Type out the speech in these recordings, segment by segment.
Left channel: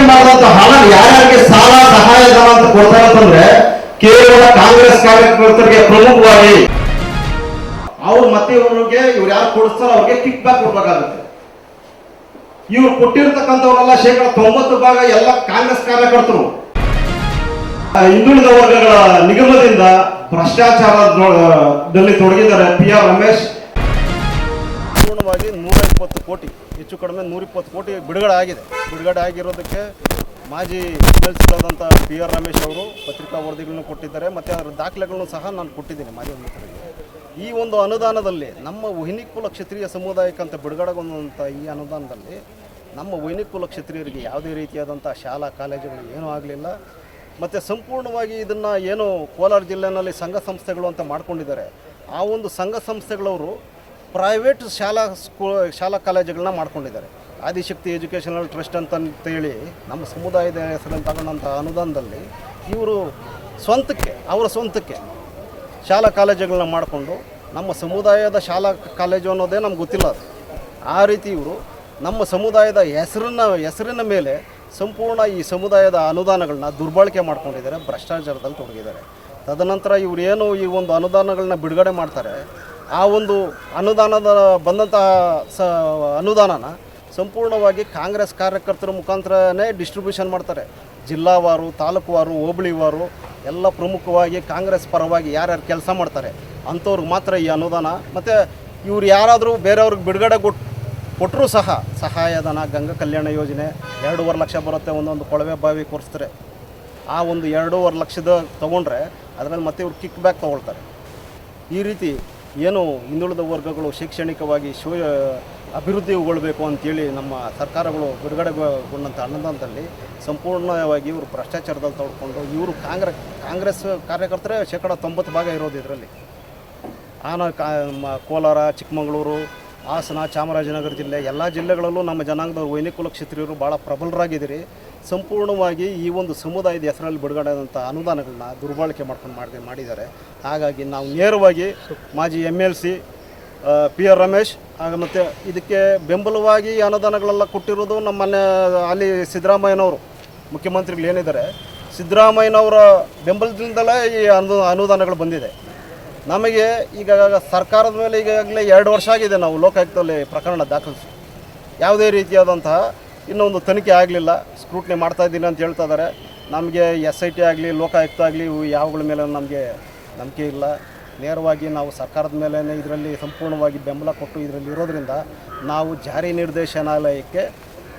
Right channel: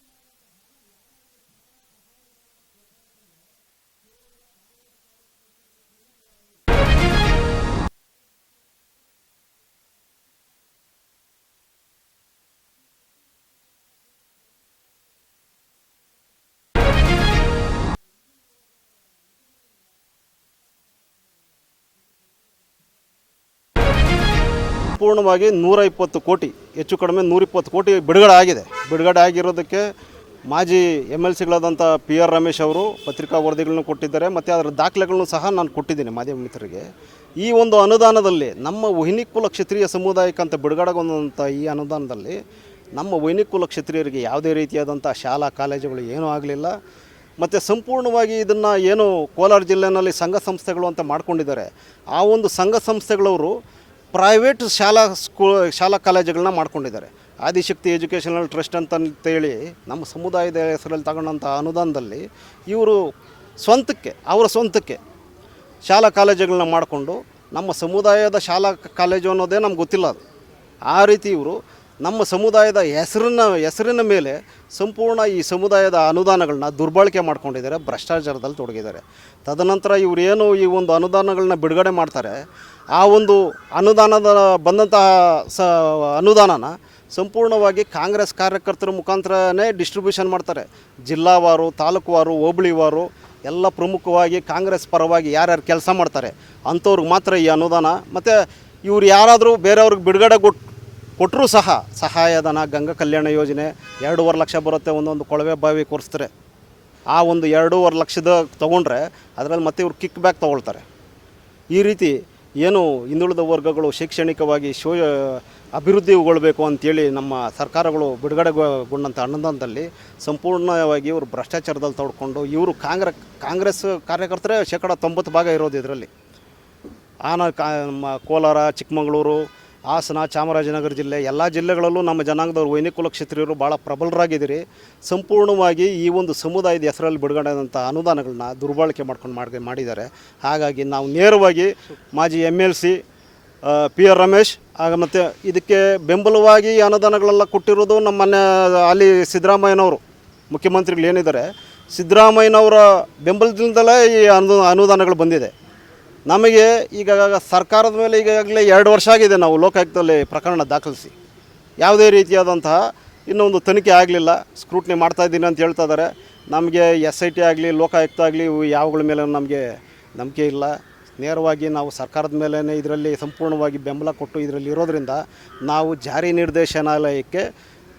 ಹಂಚಿಕೆ ಮಾಡಿದಂತ ಹಣ ಯಾರ್ಯಾರಿಗೆ ಸಾಲ ಸಹಾಯಧನ ಅಂತ ಕೊಡ್ತಾರೆ ಅಂತಂದ್ರೆ ಕೇವಲ ಕಾಂಗ್ರೆಸ್ ಕಾರ್ಯಕರ್ತರಿಗೆ ಪ್ರಮುಖವಾಗಿ ಅವ್ರು ಮತ್ತೆ ಇವ್ರಿಗೆ, ಇವ್ರು ಯಾರು ಕೊಡಿಸ್ತಾರೋ ಅವ್ರಿಗೆ ಕಿಕ್ ಬ್ಯಾಕ್ ಕೊಡ್ಬೇಕಾಗುತ್ತೆ. ಇವ್ರು ಕೊಟ್ಟಿರ್ತಕ್ಕಂಥವ್ರೆಲ್ಲ ಶೇಕಡ ತೊಂಬತ್ತು ಭಾಗ ಎಲ್ಲ ಕಾಂಗ್ರೆಸ್ ಕಾರ್ಯಕರ್ತರು. ಹಿಂದುಳಿದ ವರ್ಗಗಳ ನಿಗಮದಿಂದ ಭ್ರಷ್ಟಾಚಾರದಲ್ಲಿ ತೊಡಗಿದ್ದಾರೆ ಪಿ ಆರ್ ರಮೇಶ್. ಪೂರ್ಣವಾಗಿ ನೂರ ಇಪ್ಪತ್ತು ಕೋಟಿ, ಹೆಚ್ಚು ಕಡಿಮೆ ನೂರ ಇಪ್ಪತ್ತು ಕೋಟಿ ಬಿಡುಗಡೆ ಆಗಿದೆ ಬಿಡುಗಡೆ ಆಗಿರೋದಕ್ಕೆ ಮಾಜಿ ಎಂ ಎಲ್ ಸಿಗಳಾದಂಥ ಪಿ ಆರ್ ರಮೇಶ್ ಅವರು ಪತ್ರಿಕಾ ವರದಿಗಳನ್ನು ಕೊಟ್ಟಿದ್ದಾರೆ, ಮತ್ತು ಅದರ ದಾಖಲೆಗಳನ್ನು ಸಹ ನಾನು ಕೊಟ್ಟಿದ್ದೀನಿ ಮಾಧ್ಯಮ ಮಿತ್ರರಿಗೆ. ಈ ಒಂದು ಅನುದಾನದಲ್ಲಿ, ನಮ್ಮ ವೈನಿಕುಲ ಕ್ಷತ್ರಿಯ ಸಮುದಾಯಕ್ಕಂತ ಬಿಡುಗಡೆಗೊಂಡಂಥ ಈ ಅನುದಾನದಲ್ಲಿ, ನಮ್ಮ ವೈನಿಕುಲ ಕ್ಷತ್ರಿಯರಿಗೆ ಯಾವುದೇ ರೀತಿಯಾದಂಥ ಶಾಲಾ ಕಾಲೇಜುಗಳು ಏನೂ ಆಗಲಿಲ್ಲ. ಮತ್ತು ಸಂಪೂರ್ಣವಾಗಿ ಇದನ್ನು ಏನು ಕೋಲಾರ ಜಿಲ್ಲೆಯಲ್ಲಿ ಸಂಘ ಸಂಸ್ಥೆಗಳು ಅಂತ ಮಾಡ್ಕೊಂಡಿದ್ದಾರೆ. ಆ ಒಂದು ಸಂಘ ಸಂಸ್ಥೆಗಳವರು ಪ್ರೈವೇಟ್ ಶಾಲಾ ಸ್ಕೂ ಶಾಲಾ ಕಾಲೇಜುಗಳನ್ನ ಮಾಡ್ಕೊಂಡಿದ್ದಾರೆ. ಆದಿಶಕ್ತಿ ಎಜುಕೇಷನಲ್ ಟ್ರಸ್ಟ್ ಅಂತಂತೇಳಿ ನಮ್ಮ ಸಮುದಾಯದ ಹೆಸರಲ್ಲಿ ತಗೊಂಡಂಥ ಅನುದಾನದಲ್ಲಿ ಇವರು ಸ್ವಂತಕ್ಕೆ, ಅವರ ಸ್ವಂತಕ್ಕೆ ಶಾಲಾ ಕಾಲೇಜುಗಳನ್ನ ಮಾಡಿಕೊಂಡು ನಮ್ಮ ಸಮುದಾಯದ ಶಾಲಾ ಕಾಲೇಜು ಅನ್ನೋದೇ ನಮ್ಗೆ ಗೊತ್ತಿಲ್ಲ ಅದು. ಆ ರೀತಿ ಇವರು ನಮ್ಮ ಸಮುದಾಯದ ಹೆಸರನ್ನ, ಹೆಸರಿನ ಮೇಲೆ ಸಂಪೂರ್ಣ ಈ ಸಮುದಾಯದ ಅನುದಾನಗಳನ್ನ ದುರ್ಬಳಕೆ ಮಾಡ್ಕೊಂಡಿದ್ದಾರೆ, ಭ್ರಷ್ಟಾಚಾರದಲ್ಲಿ ತೊಡಗಿದ್ದಾರೆ. ತದನಂತರ ಇವರೇನು ಈ ಒಂದು ಅನುದಾನಗಳನ್ನ ಬಿಡುಗಡೆ ಮಾಡ್ತಾರೆ, ಆ ಒಂದು ಅನುದಾನದ ಬಂದಂಥ ಸ ಅನುದಾನನ ಸಂಪೂರ್ಣವಾಗಿ ಕಾಂಗ್ರೆಸ್ ಕಾರ್ಯಕರ್ತರ ಮುಖಾಂತರನೇ ಡಿಸ್ಟ್ರಿಬ್ಯೂಷನ್ ಮಾಡ್ತಾರೆ. ಜಿಲ್ಲಾವಾರು ತಾಲೂಕುವಾರು ಹೋಬಳಿವಾರು ಎಲ್ಲ ಪ್ರಮುಖವಾಗಿ ಕಾಂಗ್ರೆಸ್ ಪರವಾಗಿ ಯಾರ್ಯಾರು ಕೆಲಸ ಮಾಡ್ತಾರೆ, ಅಂಥವ್ರಿಗೆ ಮಾತ್ರ ಈ ಅನುದಾನ. ಮತ್ತು ಇವ್ರು ಯಾರಾದರೂ ಬೇರೆಯವ್ರಿಗೆ ಬಿಡುಗಡೆ ಕೊಟ್ಟು ಕೊಟ್ಟರೂ ಸಹ ಸಹಾಯಧನ ಗಂಗಾ ಕಲ್ಯಾಣ ಯೋಜನೆ ಎರಡೂವರೆ ಲಕ್ಷ ಬರುತ್ತೆ ಒಂದೊಂದು ಕೊಳವೆ ಬಾವಿ ಕೊರಿಸ್ತಾರೆ ಆ ಒಂದು ಎರಡೂವರೆ ಲಕ್ಷದ ತೊಗೊಂಡ್ರೆ ಅದರಲ್ಲಿ ಮತ್ತೆ ಇವರು ಕಿಕ್ ಬ್ಯಾಕ್ ತೊಗೊಳ್ತಾರೆ. ಈ ರೀತಿ ಏನು ಹಿಂದುಳಿದ ವರ್ಗಗಳು ಶೈಕ್ಷಣಿಕವಾಗಿ ಶೋ ಅಭಿವೃದ್ಧಿಗೊಳ್ಬೇಕು ಅಂತೇಳಿ ನಮ್ಮ ಸರ್ಕಾರಗಳು ಬಿಡುಗಡೆಗೊಂಡಂಥ ಅನುದಾನದಲ್ಲಿ ಸಂಪೂರ್ಣವಾಗಿ ಇವರು ಭ್ರಷ್ಟಾಚಾರದಲ್ಲಿ ತೊಡ್ಕೊಂಡು ಇವರು ಕಾಂಗ್ರೆಸ್ ಕಾಂಗ್ರೆಸ್ ಕಾರ್ಯಕರ್ತರೇ ಶೇಕಡ ತೊಂಬತ್ತು ಭಾಗ ಇರೋದು ಇದರಲ್ಲಿ. ಆನ, ಕಾ ಕೋಲಾರ, ಚಿಕ್ಕಮಗಳೂರು ಹಾಸನ, ಚಾಮರಾಜನಗರ ಜಿಲ್ಲೆ ಎಲ್ಲ ಜಿಲ್ಲೆಗಳಲ್ಲೂ ನಮ್ಮ ಜನಾಂಗದವರು ವೈನಿಕುಲ ಕ್ಷತ್ರಿಯರು ಭಾಳ ಪ್ರಬಲರಾಗಿದ್ದೀರಿ. ಸಂಪೂರ್ಣವಾಗಿ ಈ ಒಂದು ಸಮುದಾಯದ ಹೆಸರಲ್ಲಿ ಬಿಡುಗಡೆ ಆದಂಥ ಅನುದಾನಗಳನ್ನ ದುರ್ಬಳಕೆ ಮಾಡ್ಕೊಂಡು ಮಾಡಿ, ಮಾಡಿದ್ದಾರೆ. ಹಾಗಾಗಿ ನಾವು ನೇರವಾಗಿ ಮಾಜಿ M L C P R Ramesh, ಆಗ ಮತ್ತು ಇದಕ್ಕೆ ಬೆಂಬಲವಾಗಿ ಅನುದಾನಗಳೆಲ್ಲ ಕೊಟ್ಟಿರೋದು ನಮ್ಮ ಮನೆ ಅಲ್ಲಿ ಸಿದ್ದರಾಮಯ್ಯನವರು, ಮುಖ್ಯಮಂತ್ರಿಗಳು ಏನಿದ್ದಾರೆ, ಸಿದ್ದರಾಮಯ್ಯನವರ ಬೆಂಬಲದಿಂದಲೇ ಈ ಅನು, ಅನುದಾನಗಳು ಬಂದಿದೆ. ನಮಗೆ ಈಗ ಸರ್ಕಾರದ ಮೇಲೆ ಈಗಾಗಲೇ ಎರಡು ವರ್ಷ ಆಗಿದೆ ನಾವು ಲೋಕಾಯುಕ್ತದಲ್ಲಿ ಪ್ರಕರಣ ದಾಖಲಿಸಿ. ಯಾವುದೇ ರೀತಿಯಾದಂತಹ ಇನ್ನೊಂದು ತನಿಖೆ ಆಗಲಿಲ್ಲ. ಸ್ಕ್ರೂಟ್ನಿ ಮಾಡ್ತಾ ಇದ್ದೀನಿ ಅಂತ ಹೇಳ್ತಾ ಇದ್ದಾರೆ. ನಮಗೆ ಎಸ್ ಐ ಟಿ ಆಗಲಿ, ಲೋಕಾಯುಕ್ತ ಆಗಲಿ ಇವು ಯಾವಗಳ ಮೇಲೆ ನಮಗೆ ನಂಬಿಕೆ ಇಲ್ಲ. ನೇರವಾಗಿ ನಾವು ಸರ್ಕಾರದ ಮೇಲೆ ಇದರಲ್ಲಿ ಸಂಪೂರ್ಣವಾಗಿ ಬೆಂಬಲ ಕೊಟ್ಟು ಇದರಲ್ಲಿ ಇರೋದರಿಂದ ನಾವು ಜಾರಿ ನಿರ್ದೇಶನಾಲಯಕ್ಕೆ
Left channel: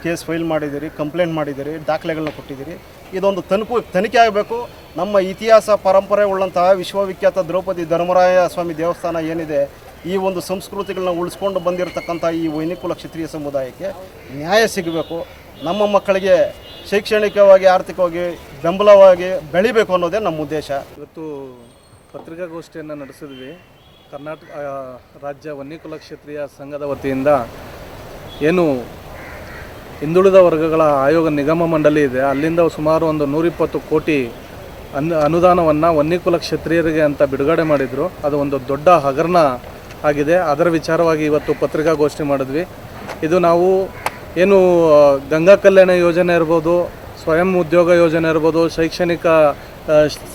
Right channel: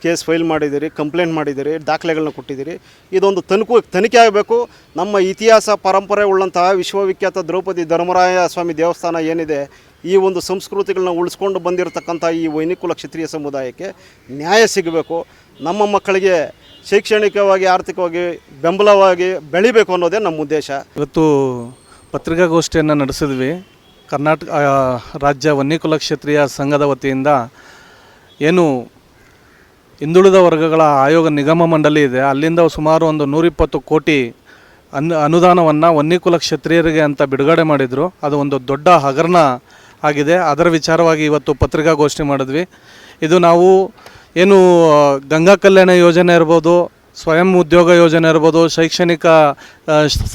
ಕೇಸ್ ಫೈಲ್ ಮಾಡಿದ್ದೀರಿ, ಕಂಪ್ಲೇಂಟ್ ಮಾಡಿದ್ದೀರಿ ದಾಖಲೆಗಳನ್ನ ಕೊಟ್ಟಿದ್ದೀರಿ. ಇದೊಂದು ತನಿಖೆ ತನಿಖೆ ಆಗಬೇಕು. ನಮ್ಮ ಇತಿಹಾಸ, ಪರಂಪರೆ ಉಳ್ಳಂತಹ ವಿಶ್ವವಿಖ್ಯಾತ ದ್ರೌಪದಿ ಧರ್ಮರಾಯ ಸ್ವಾಮಿ ದೇವಸ್ಥಾನ ಏನಿದೆ, ಈ ಒಂದು ಸಂಸ್ಕೃತಿಗಳನ್ನ ಉಳಿಸ್ಕೊಂಡು ಬಂದಿರತಕ್ಕಂಥ ಈ ವೈನಿಕುಲ ಕ್ಷತ್ರಿಯ ಸಮುದಾಯಕ್ಕೆ ನ್ಯಾಯ ಸಿಗಬೇಕು. ನಮ್ಮ ಮಕ್ಕಳಿಗೆ ಶೈಕ್ಷಣಿಕವಾಗಿ, ಆರ್ಥಿಕವಾಗಿ ಬೆಂಬಲವಾಗಿ ಬೆಳಿಬೇಕು ಅನ್ನೋದೇ ನಮ್ಮ ಉದ್ದೇಶ. ಇವತ್ತು ಪತ್ರಿಕಾಗೋಷ್ಠಿಯನ್ನು ನಡೆಸಿದ್ವಿ. ಕರ್ನಾಟಕ ರಾಜ್ಯ ವನ್ಯಕುಲ ಕ್ಷೇತ್ರೀಯ ಸಂಘದ ವತಿಯಿಂದ ಏನು ಹಿಂದುಳಿದ ವರ್ಗಗಳ ಆಯೋಗ ನಿಗಮ ಮಂಡಳಿ ಇದೆ. ಅಲ್ಲಿಂದ ಸುಮಾರು ಒಂದು ನೂರಿಪ್ಪತ್ತು ಕೋಟಿ ಅನ್, ಅನುದಾನವನ್ನು ವನ್ನಿಕುಲ ಕ್ಷತ್ರಿಯರಿಗೆ ಅಂತ ಬಿಡುಗಡೆ ಮಾಡಿದರು. ಅದು ಒಂದು ದೊಡ್ಡ ಹಗರಣ ಆಗಿದೆ. ಅದರ ವಿಚಾರವಾಗಿ ಇವತ್ತು ಪತ್ರಿಕಾಗೋಷ್ಠಿ ಮಾಡಿದ್ವಿ. ಇದು ನಾವು ಏನು ಗಂಗಾ ಕಲ್ಯಾಣ ಯೋಜನೆ ಇರ್ಬೋದು, ಸ್ವಯಂ ಉದ್ಯೋಗ ಯೋಜನೆ ಇರ್ಬೋದು, ಶೈಕ್ಷಣಿಕ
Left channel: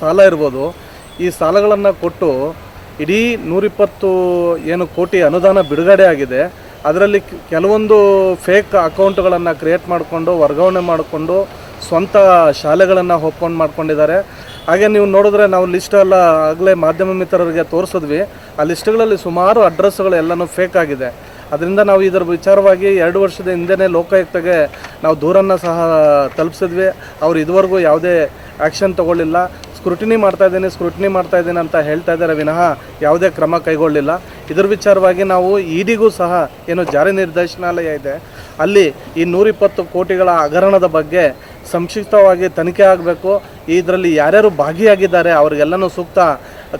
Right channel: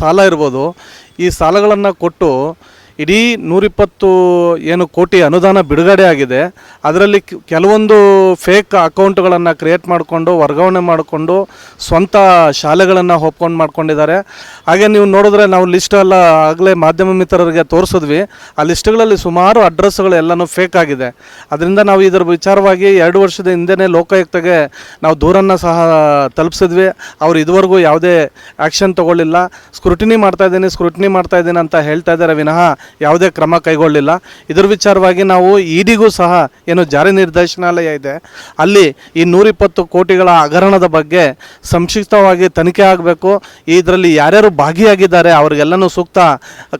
ಸಾಲ ಇರ್ಬೋದು, ಈ ಸಾಲಗಳನ್ನು ಕೊಟ್ಟು ಇಡೀ ನೂರಿಪ್ಪತ್ತು ಏನು ಕೋಟಿ ಅನುದಾನ ಬಿಡುಗಡೆ ಆಗಿದೆ. ಅದರಲ್ಲಿ ಕೆಲವೊಂದು ಫೇಕ್ ಅಕೌಂಟ್ಗಳನ್ನು ಕ್ರಿಯೇಟ್ ಮಾಡಿಕೊಂಡು, ವರ್ಗಾವಣೆ ಮಾಡಿಕೊಂಡು, ಸ್ವಂತ ಶಾಲೆಗಳನ್ನು ಒಪ್ಕೊಂಡು ಮಾಡ್ಕೊಂಡಿದ್ದಾರೆ. ಹಾಗೆ ನೀವು ನೋಡಿದ್ರೆ ನಾವು ಲಿಸ್ಟ್ ಎಲ್ಲ ಆಗಲೇ ಮಾಧ್ಯಮ ಮಿತ್ರರಿಗೆ ತೋರಿಸಿದ್ವಿ. ಆ ಲಿಸ್ಟ್ಗಳಲ್ಲಿ ಸುಮಾರು ಅಡ್ರೆಸ್ಗಳು ಎಲ್ಲನೂ ಫೇಕ್ ಆಗಿದೆ. ಅದರಿಂದ ನಾವು ಇದರ ವಿಚಾರವಾಗಿ ಎರಡು ವರ್ಷದ ಹಿಂದೆನೇ ಲೋಕಾಯುಕ್ತಗೆ ನಾವು ದೂರನ್ನು ಸಹ ತಲುಪಿಸಿದ್ವಿ. ಅವ್ರು ಇದುವರೆಗೂ ಯಾವುದೇ ಆ್ಯಕ್ಷನ್ ತಗೊಳ್ಳಿಲ್ಲ. ಸ್ಕ್ರೂಟಿನಿ ಮಾಡ್ತಾ ಇದ್ದೀನಿ ಸ್ಕ್ರೂಟಿನಿ ಮಾಡ್ತಾ ಇದ್ದೀನಿ ಅಂತ ಹೇಳ್ತಾ ಇದ್ದಾರೆ. ವಿನಃ ಯಾವುದೇ ಕ್ರಮ ಕೈಗೊಳ್ಳಿಲ್ಲ. ಇದರ ವಿಚಾರವಾಗಿ ನಾವು ಇಡಿಗೂ ಸಹ ಏನು ಜಾರಿ ನಿರ್ದೇಶನಾಲಯ ಇದೆ. ಅಲ್ಲಿ ಈ ನೂರಿಪ್ಪತ್ತು ಕೋಟಿಗಳ ಹಗರಣದ ಬಗ್ಗೆ ಸಂಕ್ಷಿಪ್ತವಾಗಿ ತನಿಖೆ ಆಗಬೇಕು. ಇದರಲ್ಲಿ ಯಾರ್ಯಾರು ಭಾಗಿಯಾಗಿದ್ದಾರೆ, ಅವರಿಗೆಲ್ಲನೂ ಸೂಕ್ತ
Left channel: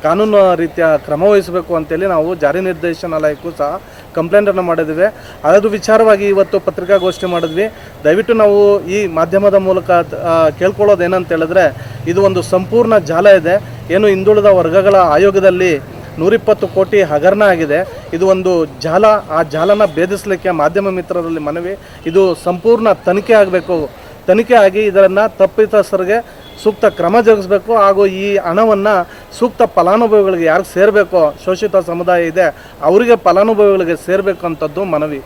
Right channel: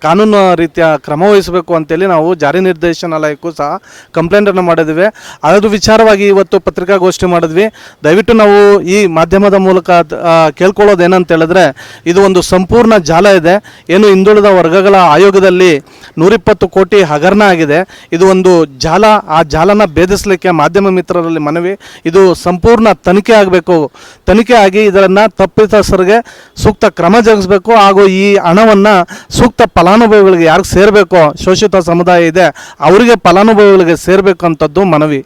ಕಾನೂನು ರೀತಿಯ ಕ್ರಮ ವಹಿಸಬೇಕು ಅಂತೇಳಿ ನಾವು ಜಾರಿ ನಿರ್ದೇಶನಾಲಯಕ್ಕೂ ಸಹ ಕಂಪ್ಲೇಂಟನ್ನು ಮಾಡಿದ್ವಿ. ಅದರ ವಿಚಾರವಾಗಿ ಇವತ್ತು ಪತ್ರಿಕಾಗೋಷ್ಠಿ ಮಾಡಿದ್ವಿ. ದಯವಿಟ್ಟು ನಾವು ಈ ಮಾಧ್ಯಮದ ಮೂಲಕ ಕೇಳ್ಕೊಳ್ಳೋದು ಏನಂತ ಹೇಳಿದ್ರೆ ಇದು ಒಂದು ಸಂಪೂರ್ಣ ಜಾಲ ಇದೆ. ಏನು ಹಿಂದುಳಿದ ವರ್ಗಗಳ ಆಯೋಗದಲ್ಲಿ ನೂರಿಪ್ಪತ್ತು ಕೋಟಿ ಹಗರಣ ಆಗಿದೆ. ಇದು ಒಂದು ಜಾಲ, ಆ ಜಾಲನ ಭೇದಿಸಲಿಕ್ಕೆ ಮಾಧ್ಯಮ ಮಿತ್ರರಲ್ಲಿ ಮನವಿ. ಇದು ಸಂಪೂರ್ಣ ತನಿಖೆ ಆಗಬೇಕು. ತನಿಖೆ ಆಗಿ ಇದನ್ನು ತಪ್ಪಿತಸ್ಥರಿಗೆ ಸೂಕ್ತ ಕ್ರಮ ಜರುಗಿಸಬೇಕು ಹಾಗೂ ಈ ಹಣವನ್ನು ಸೂಕ್ತ ಫಲಾನುಭವಿಗಳಿಗೆ ಯಾರಿಗೆ ಸೇರಬೇಕು? ಶೋಷಿತ ಸಮುದಾಯ ಇದೆ. ಅವರಿಗೆ ಫಲಾನುಭವಿಗಳಿಗೆ ಸೇರಬೇಕು ಅಂಥದ್ದು ಮನವಿ.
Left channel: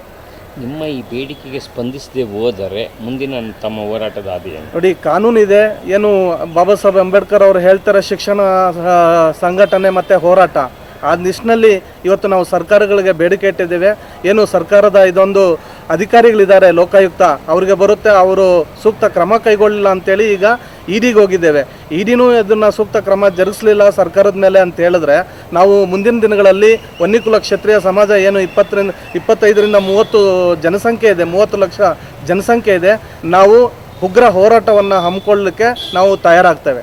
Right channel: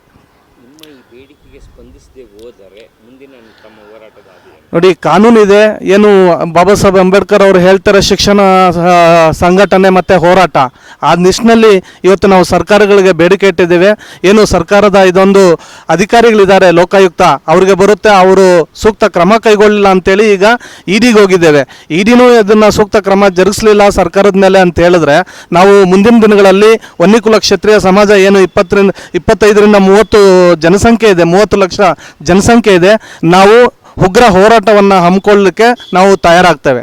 ನಿಮ್ಮ ಈ ಬೇಡಿಕೆಗೆ ಸ್ಪಂದಿಸದೆ ಹೋದರೆ ಮುಂದಿನ ತಮ್ಮ ಹೋರಾಟದ ಆದಿ ನೋಡಿ, ಕಾನೂನು ಇದೆ. ಏನು ಬಾಬಾ ಸಾಹೇಬ್ ಅಂಬೇಡ್ಕರ್ ಅವರು ಹೇಳ್ತಾರೆ ಶಿಕ್ಷಣ ಸಂಘಟನೆ ಮತ್ತು ಹೋರಾಟ. ಆ ನಿಟ್ಟಿನಲ್ಲಿ ಇವತ್ತು ನಾವು ಸರ್ಕಾರಗಳಿಗೆ ಬೇಡಿಕೆ ಇಟ್ಟಿದ್ದೇವೆ. ಏನು ಸರ್ಕಾರದ ಇದೊಂದು ಅಧಿಕಾರಿಗಳಿದ್ದಾರೆ, ಲೋಕಾಯುಕ್ತ, ಅವರಿಗೆ ಬರುತ್ತೆ, ಅವರು ಸೂಕ್ತ ಕ್ರಮ ಕೈಗೊಳ್ಳಿಲ್ಲ ಅಂತೇಳಿ ಈಗ ಇಡಿಗೆ ಹೋಗಿದ್ದೇವೆ. ಇಡಿನೂ ಇದನ್ನು ಸೂಕ್ತ ಕ್ರಮ ಜರುಗಿಸಲಿಲ್ಲ ಸರ್ಕಾರದ ಮೇಲೆ ಅಂತ ಹೇಳಿದ್ರೆ, ನಾವು ಮುಂದಿನ ದಿನಗಳಲ್ಲಿ ವನ್ನಿಕುಲ ಕ್ಷತ್ರಿಯ ಸಮಾಜ ಏನು ಇಪ್ಪತ್ತರಿಂದ, ಇಪ್ಪತ್ತೈದರಿಂದ ಮೂವತ್ತು ಜನಸಂಖ್ಯೆ ಇದೆ, ಮೂವತ್ತು ಲಕ್ಷ ಜನಸಂಖ್ಯೆ ಇದೆ, ನಾವು ಉಗ್ರ ಹೋರಾಟವನ್ನು ಹಮ್ಮಿಕೊಳ್ಳಲಿಕ್ಕೆ ನಾವು ತಯಾರಾಗ್ತೇವೆ.